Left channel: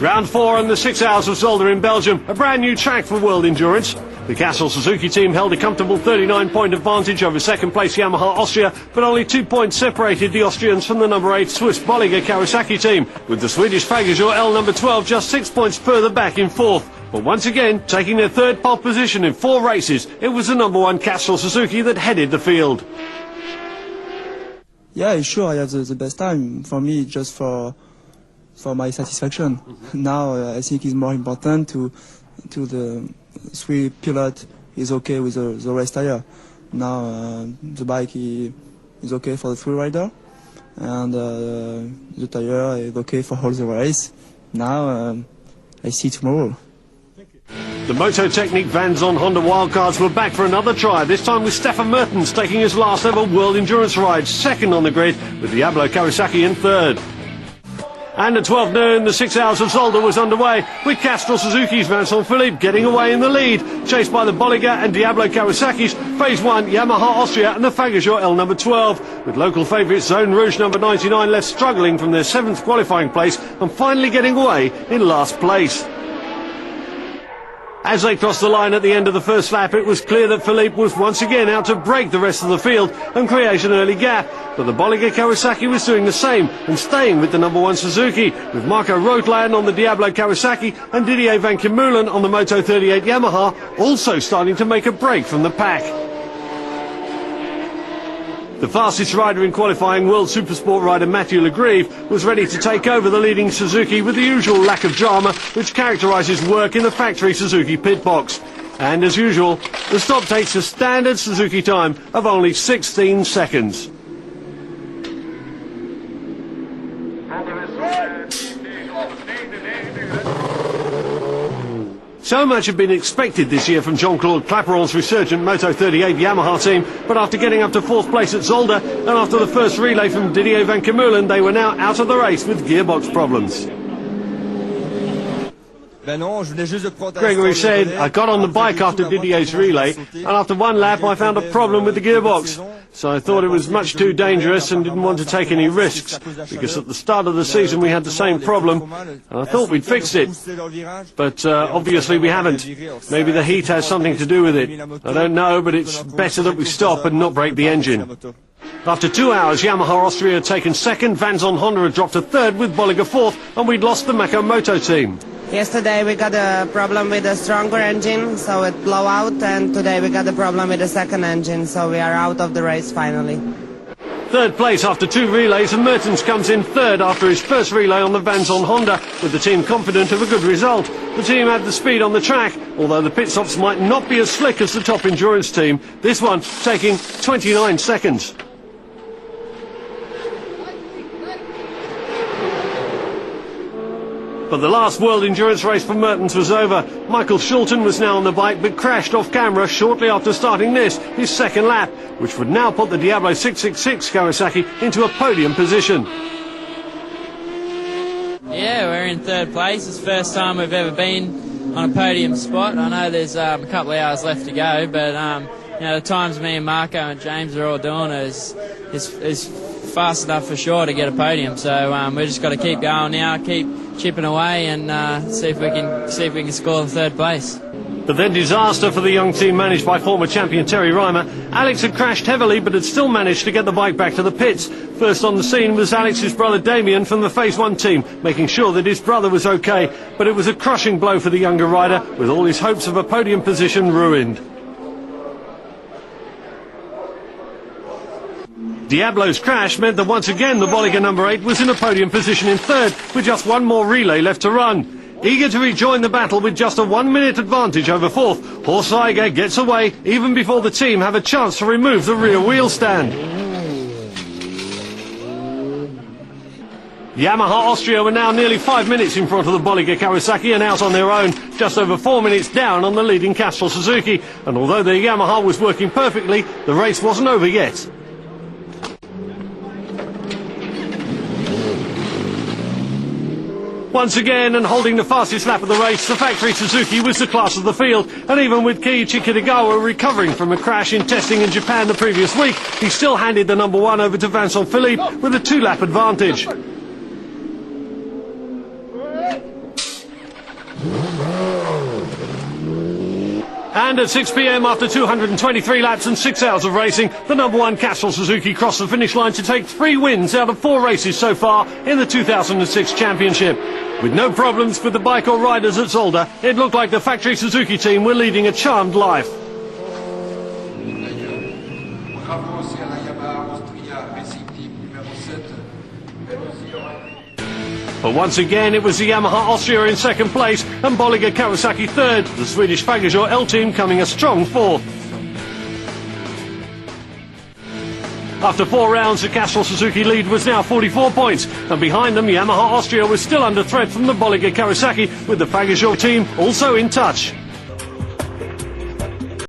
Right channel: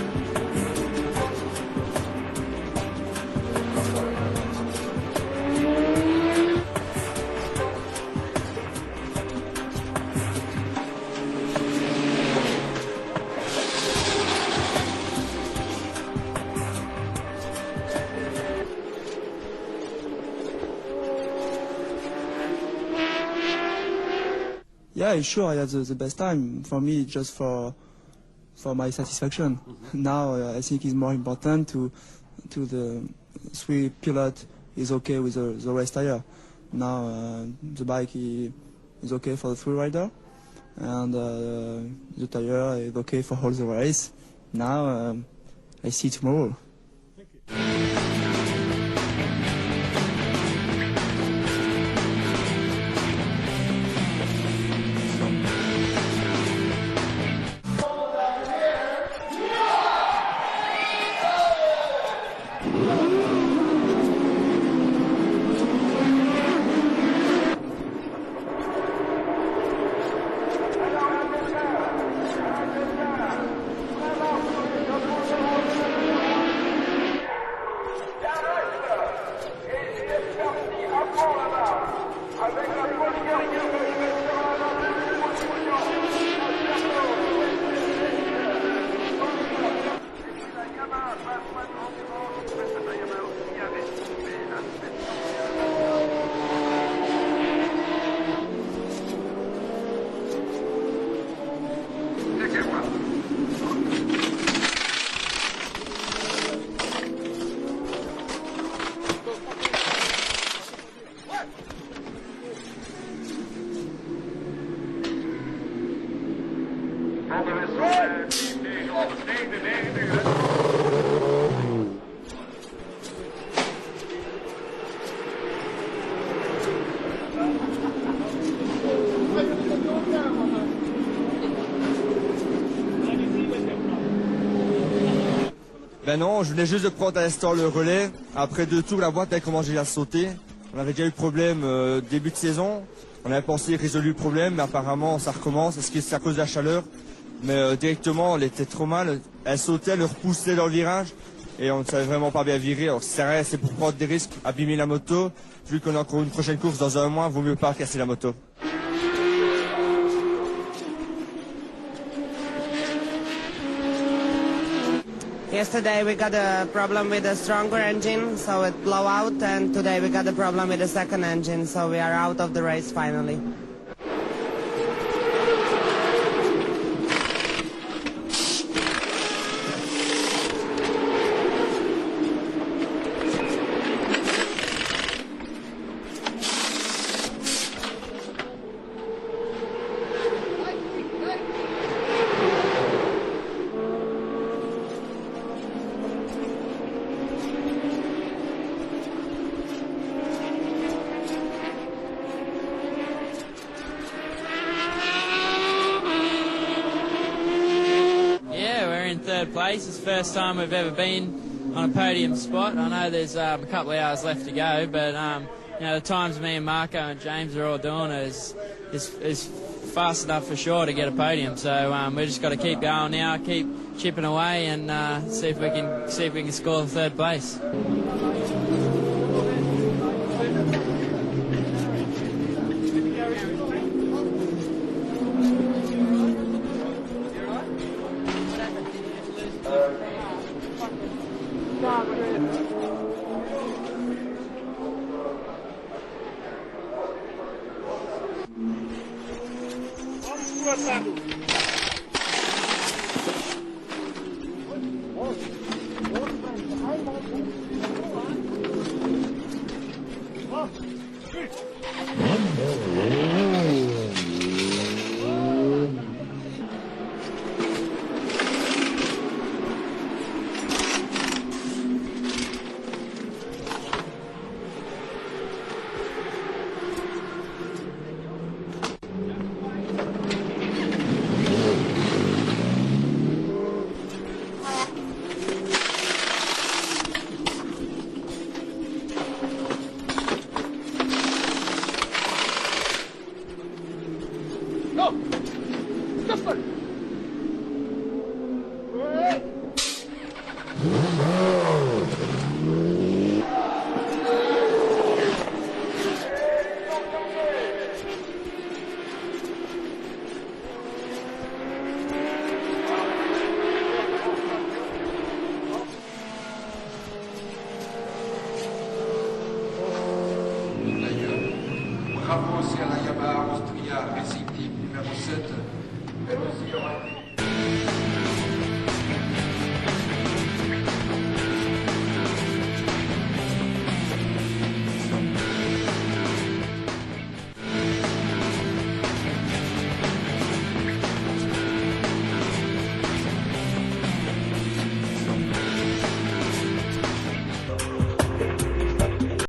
Round 4 and the 6 Hours of Zolder in Belgium, a brand new track for World Endurance. The Castrol Suzuki team held a comfortable 39-point advantage over second place Yamaha Austria, but only 2 points separated the Austrians from the number 8 Swiss Bolliger Kawasaki team, with the Swedish Fagerjo L number 12 just 6 points further back in fourth. But once again, taking their third pole position in 4 races, it was the number 1 Castrol Suzuki that headed the field. Yeah, sure, I had the best time. For me, just for my satisfaction. Now I think it's more important to the three pilot is okay with the race tire. Now the bike is okay for the free rider, and the tire is okay for all the race. Now I see tomorrow. The Moto Technique Van Zon Honda wildcards were back for another try, this time with Stefan Mertens taking his last ever World Endurance ride, second on the grid, with Diablo Kawasaki in third. And at 12 noon, the 6 Hours of Zolder was underway, with Castrol Suzuki's Vincent Philippe getting away in the lead, chased by the Bolliger and Diablo Kawasaki's Phase 1 Yamaha Austria and the Fagerjo L number 12, with local favourites Zone Rouge number 99 left struggling from their 7th qualifying place and finally getting away in last place. As they crossed the line at the end of the first lap, it was clear that Philippe was once again out to break the rest of the field and create an early gap. But the Bolliger Kawasaki was doing the same and staying with the number 1 Suzuki, with Marco Rothland on the Diablo Kawasaki and Didier Van Kemulen on the Moto 38 Yamaha also starting to make a break from the pack. The fastest rider in qualifying, World Supersport rider Mathieu Legrive, was ready to take over the leading Suzuki with the usual lack of drama which characterises work in the factory Suzuki pit box. And as usual, the stop takes a standard Suzuki time of only 16 seconds. So much had been expected this year from Jean-Claude Clapeyron's resurgent Moto 38 Yamaha team, but after getting up to 4th place at Zolder and after the first relay from Didier Van Kemulen, they were now out of the race with gearbox problems. Gregory said, I got on the bike after Didier's relay, and after one lap I found a problem with the gearbox. So I thought it was much too dangerous and didn't want to take any risks, because at the start of the season we had the same problem, and I thought we'd fixed it. But obviously we haven't. Maybe the heat has something to do with it. I don't know, but it's better that we stop and not break the engine. After 2 hours, Yamaha Austria had taken second, Van Zon Honda had dropped to third with Bolliger fourth, and we'd lost the Mecca Moto team. Yesterday we got a problem with a stronger engine, so it blew out, and today we got a problem with the second engine, so we are out of the race finally. Third place after 2 relays, and Mertens comes in third after his first relay on the Van Zon Honda, with the team confident of a good result. The team had the speed on the track, although the pit stops might not be as slick as the top endurance team, this one taking 29 seconds. But the last World Endurance race for Mertens was over. Michael Schulten was now on the bike but crashed off camera shortly after starting this, his second lap, which would now put the Diablo 666 Kawasaki into a podium position. Yeah, we're in third place. It's the first time we've ever been on a podium spot. I know there's a couple of hours left to go, but you know, the times me and Marco and James are all doing is fast enough for sure to get a podium. So we've just got to keep going now, keep chipping away, and see if we can score the third place. But then disaster for the young team managed by former champion Terry Reimer. Alex had crashed heavily but had still managed to get the bike back to the pits. First on the scene was Alex's brother Damien from the Phase 1 team, making sure that his brother was okay. But it was a crushing blow for the younger rider, with all his hopes of a podium position ruined. Diablo's crash meant that once again the Bolliger number 8 was in a podium position in third, with just one more relay left to run. Eager to rejoin the battle with just a 1-minute advantage over fourth, Horst Eiger gets away even before the team have a chance to remove the rear wheel stand. Yamaha Austria were now nearly 5 minutes in front of the Bolliger Kawasaki and out on their own, just over 4 minutes down on the leading Castrol Suzuki. And although the Yamaha was working perfectly, the race wasn't over yet. Once again, and holding the fastest lap of the race, the factory Suzuki was the class of the field, and even with Keiichi Kitagawa recovering from a crash in testing in Japan the previous week, he still handed the number 1 over to Vincent Philippe with a 2-lap advantage. And at 6 p.m. after 223 laps and 6 hours of racing, the #1 Castrol Suzuki crossed the finish line to take 3 wins out of 4 races so far in the 2006 championship. With no problems with the bike or riders at Zolder, it looked like the factory Suzuki team were leading a charmed life. But once again, it was the Yamaha Austria in second place and Bolliger Kawasaki third, the Swedish Fagershore L team coming a strong fourth. After 4 rounds, the Castrol Suzuki lead was now 44 points, and behind them, Yamaha Austria was still under threat from the Bolliger Kawasaki, with the Fagershore team also in touch.